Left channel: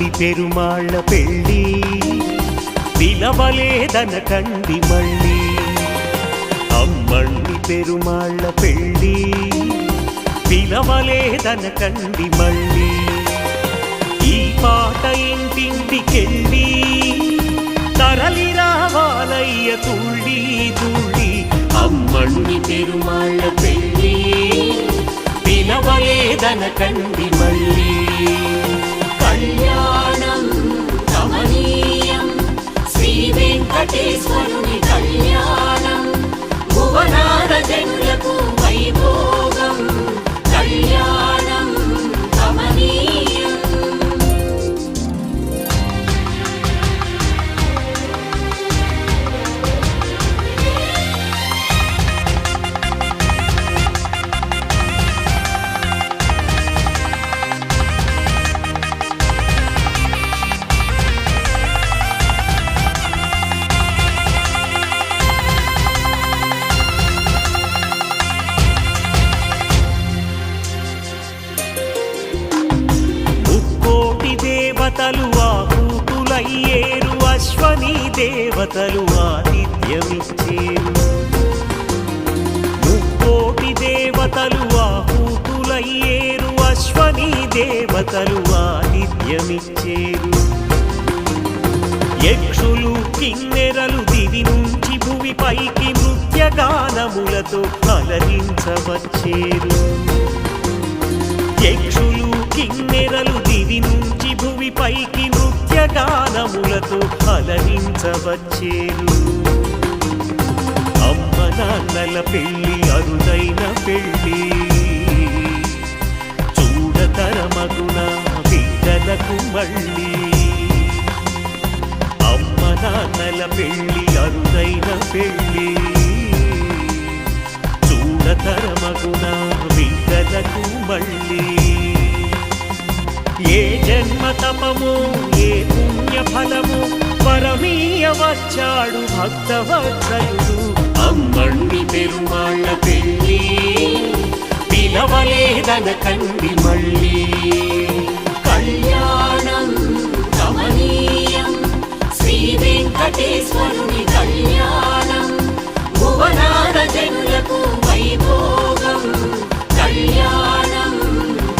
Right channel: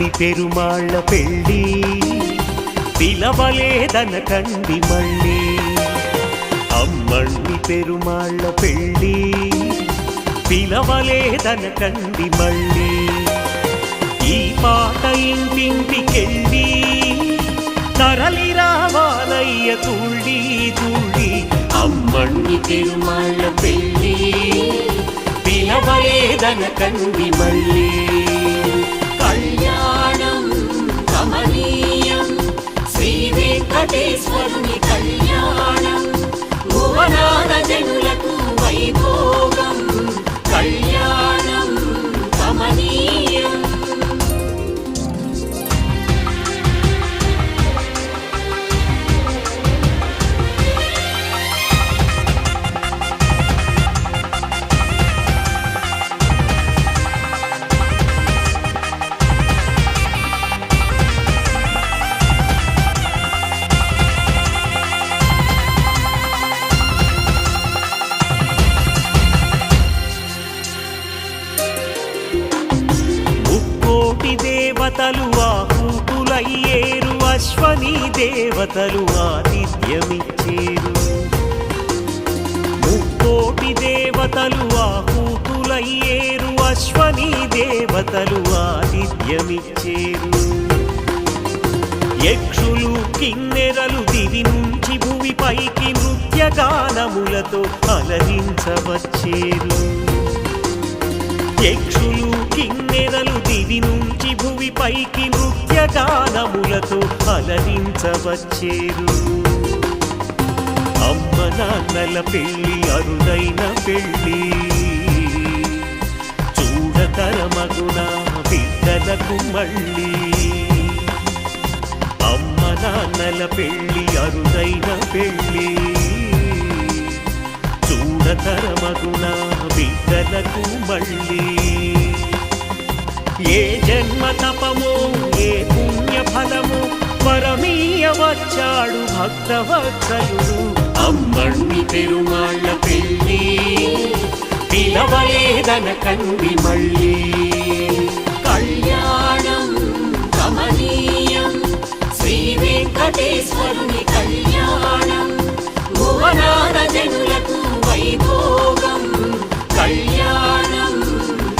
అమ్మణ్ణి పెరుమాళ్ళ పెళ్ళి పిలవలేదనకండి మళ్ళీ. అమ్మణ్ణి పెరుమాళ్ళ పెళ్ళి పిలవలేదనకండి మళ్ళీ. ఈ పాట ఇంటింటికెళ్ళి తరలి రావాలయ్య తుళ్ళి తుళ్ళి. అమ్మణ్ణి పెరుమాళ్ళ పెళ్ళి పిలవలేదనకండి మళ్ళీ. కళ్యాణం కమనీయం శ్రీ వెంకటేశ్వరుని కళ్యాణం భువనాన జనులకు వైభోగం. కళ్యాణం కమనీయం. దేవతలు ఆహూతులయ్యేరు, అశ్వనీ దేవతలు ఆతిథ్యమిచ్చేరు. ముక్కోటి దేవతలు ఆహూతులయ్యేరు, అశ్వనీ దేవతలు ఆతిథ్యమిచ్చేరు. యక్షులు కిన్నెరలు దివి నుంచి భువి పైకి నృత్యగానములతో అలరించవచ్చేరు. యక్షులు కిన్నెరలు దివి నుంచి భువి పైకి నృత్యగానములతో అలరించవచ్చేరు. అమ్మ నాన్నల పెళ్ళి అరుదైన పెళ్ళి, చూడతరమగున బిడ్డలకు మళ్ళీ. అమ్మ నాన్నల పెళ్ళి అరుదైన పెళ్ళి, చూడతరమగున బిడ్డలకు మళ్ళీ. ఏ జన్మ తపమో ఏ పుణ్య ఫలమో పరమీయ వచ్చాడు భక్తవత్సలుడు. అమ్మణ్ణి పెరుమాళ్ళ పెళ్ళి పిలవలేదనకండి మళ్ళీ. కళ్యాణం కమనీయం శ్రీ వెంకటేశ్వరుని కళ్యాణం భువనాన జనులకు వైభోగం. కళ్యాణం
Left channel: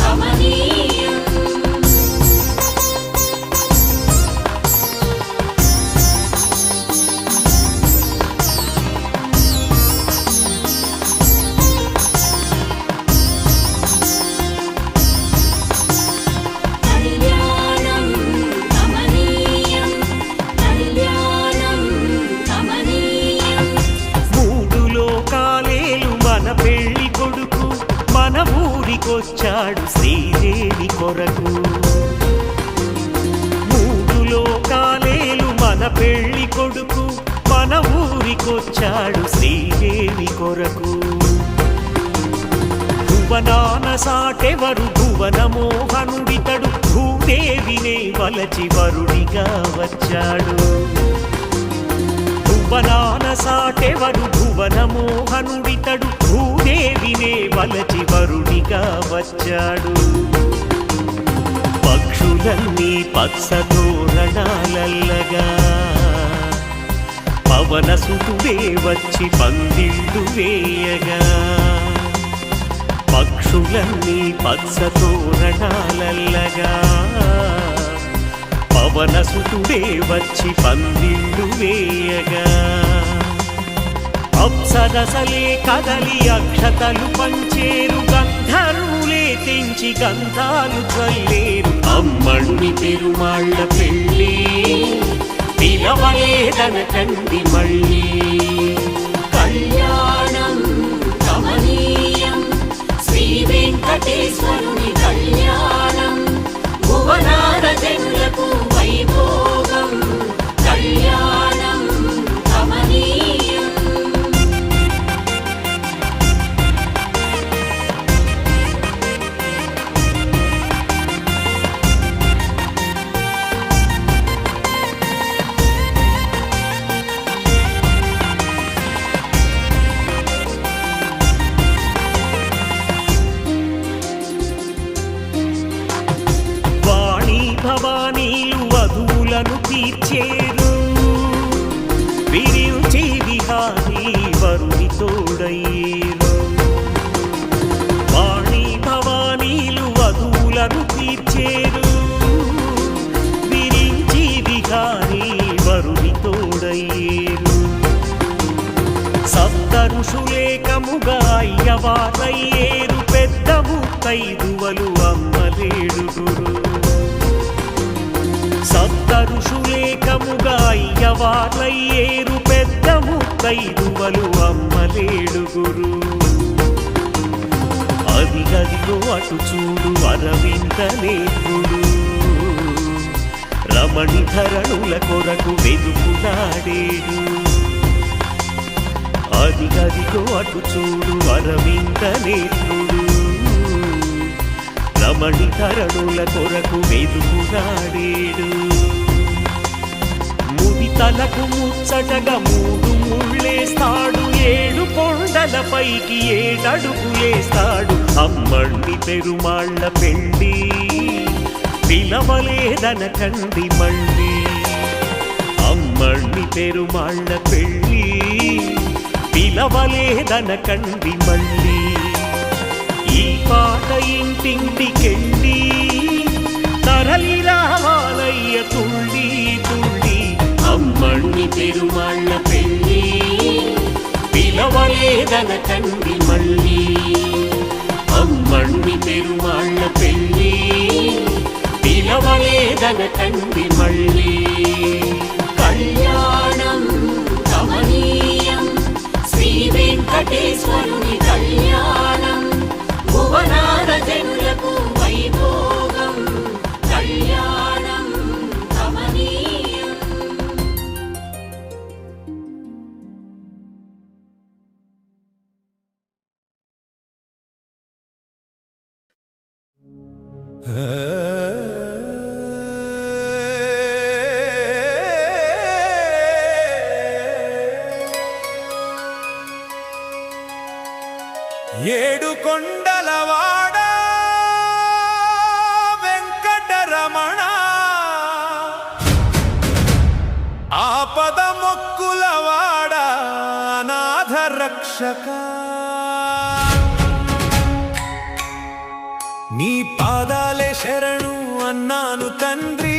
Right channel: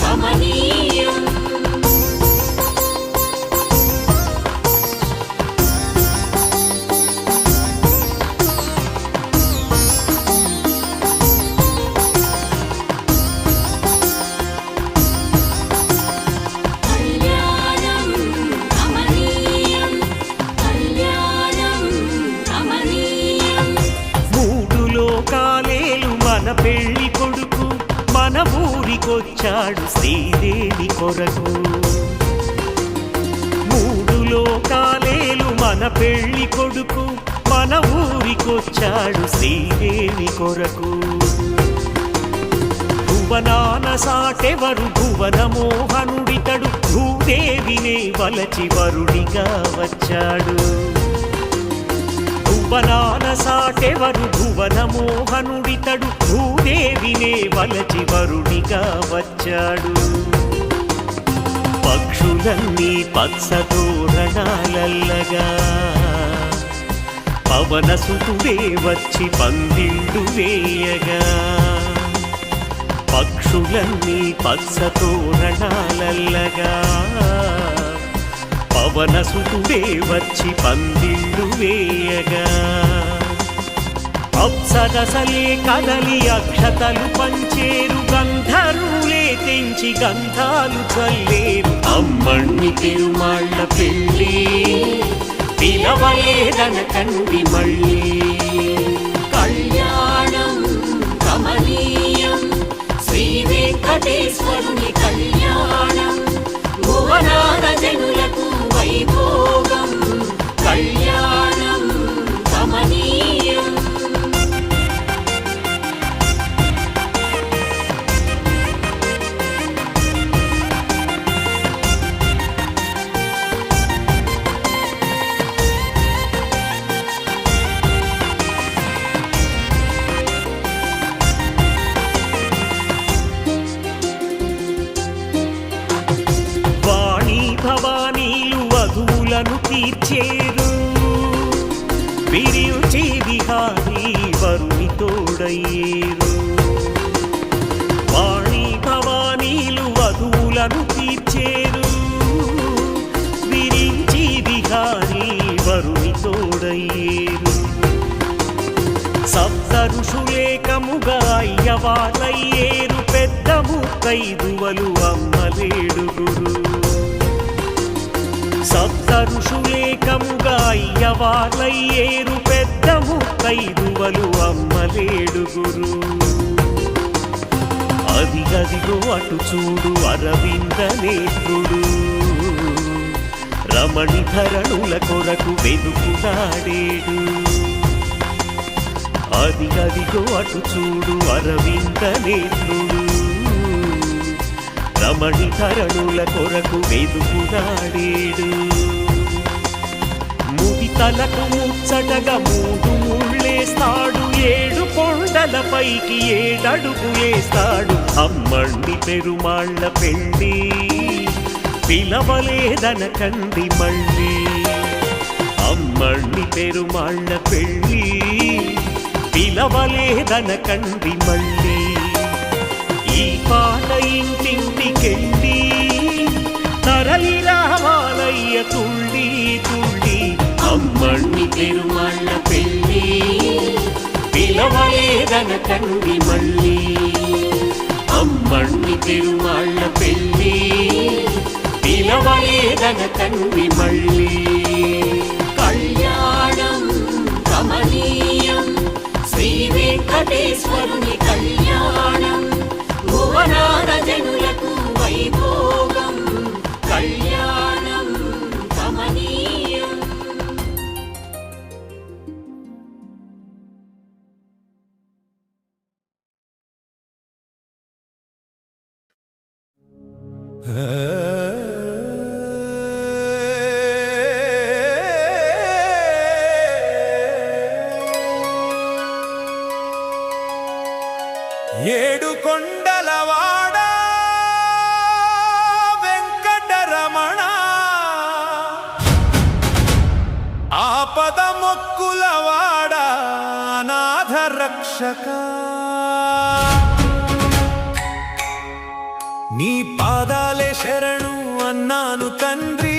కమనీయం. కళ్యాణం కమనీయం. కళ్యాణం కమనీయం. మూడు లోకాలేలు మన పెళ్లి కొడుకు, మన ఊరికొచ్చాడు శ్రీదేవి కొరకు. మూడు లోకాలేలు మన పెళ్లి కొడుకు, మన ఊరికొచ్చాడు శ్రీదేవి కొరకు. భువనాన సాటెవరు భువన మోహనుడితడు, భూదేవినే వలచి వరుడిగా వచ్చాడు. భువనాన సాటెవరు భువన మోహనుడితడు, భూదేవినే వలచి వరుడిగా వచ్చాడు. పక్షులన్నీ పచ్చతోరణాలల్లగా, పవన సుతుడే వచ్చి పందిళ్ళు వేయగా. పక్షులన్నీ పచ్చతోరణాలల్లగా, పవన సుతుడే వచ్చి పందిళ్ళు వేయగా. అప్సరసలే కదలి అక్షతలు పంచేరు, గంధర్వులే తెంచి గంధాలు చల్లేరు. అమ్మణ్ణి పెరుమాళ్ళ పెళ్ళి పిలవలేదనకండి మళ్ళీ. కళ్యాణం కమనీయం శ్రీ వెంకటేశ్వరుని కళ్యాణం భువనాన జనులకు వైభోగం. కళ్యాణం కమనీయం. వధువులను తీర్చేరు విరించి విహారీ వరుని తోడయ్యేరు వాణి భవానీలు వధువులను తీర్చేరు విరించి విహారీ వరుని తోడయ్యేరు సప్త ఋషులేకముగా అయ్యవార్లయ్యేరు పెద్ద ముత్తైదువలు అమ్మలేడుగురు సప్త ఋషులేకముగా అయ్యవార్లయ్యేరు పెద్ద ముత్తైదువలు అమ్మలేడుగురు అదిగదిగో అటు చూడు అరవింద నేత్రుడు రమణి ధరణుల కొరకు వెదుకులాడేడు అదిగదిగో అటు చూడు అరవింద నేత్రుడు రమణి ధరణుల కొరకు వెదుకులాడేడు ముడి తలకు ముచ్చటగా మూడు ముళ్ళేస్తాడు ఏడు కొండలపైకి ఏడడుగులేస్తాడు అమ్మండి పెరుమాళ్ళ పెళ్ళి పిలవలేదనకండి మళ్ళీ అమ్మండి పెరుమాళ్ళ పెళ్ళి పిలవలేదనకండి మళ్ళీ ఈ పాట ఇంటింటికెళ్ళి తరలి రావాలయ్య తుళ్ళి తుళ్ళి అమ్మణ్ణి పెరుమాళ్ళ పెళ్ళి పిలవలేదనకండి మళ్ళీ అమ్మణ్ణి పెరుమాళ్ళ పెళ్ళి పిలవలేదనకండి మళ్ళీ కళ్యాణం కమనీయం శ్రీ వెంకటేశ్వరుని కళ్యాణం భువనాన జనులకు వైభోగం కళ్యాణం కమనీయం ఏడు కొండలవాడ వెంకటరమణ ఆపద మొక్కులవాడ అనాథ రక్షక నీ పాదాలే శరణు అన్నాను తండ్రి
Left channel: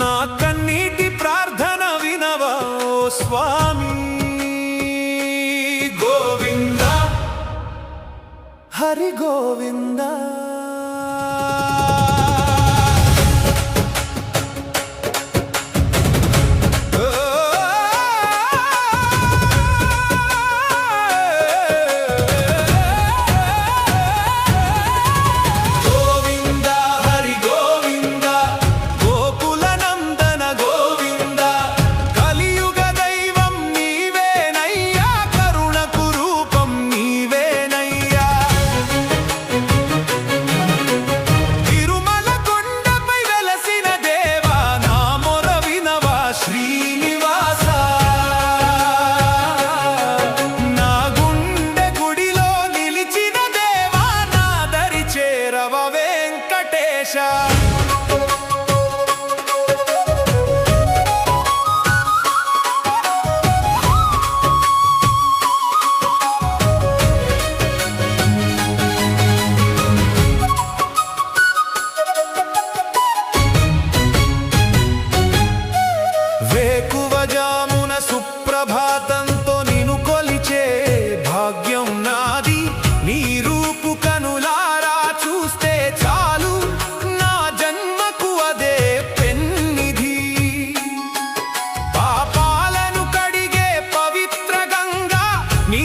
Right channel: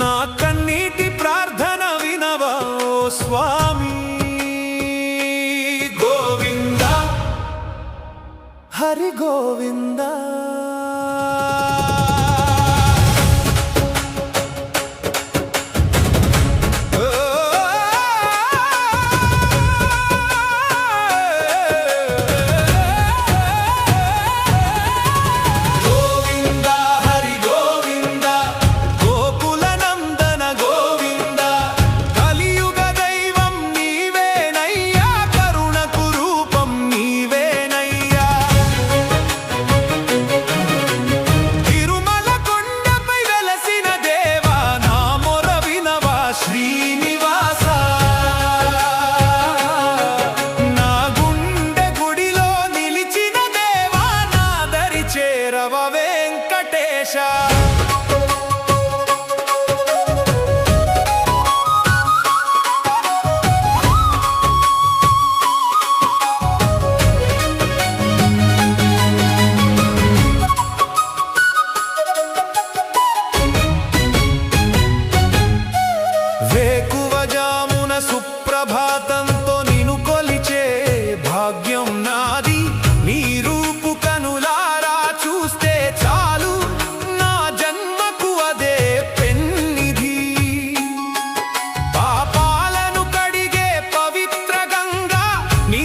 నా కన్నీటి ప్రార్థన వినవా ఓ స్వామి హరి గోవింద గోవింద హరి గోవింద గోకుల నందన గోవింద కలియుగ దైవం నీవేనయ్యా కరుణకు రూపం నీవేనయ్యా శ్రీనివాస నా గుండె గుడిలో నిలిచిన దేవా నా దరి చేరవ వెంకటేశ వేకువజామున సుప్రభాతంతో నిను కొలిచే భాగ్యం నాది నీ రూపు కనులారా చూస్తే చాలు నా జన్మకు అదే పెన్నిధి పాపాలను కడిగే పవిత్ర గంగా నీ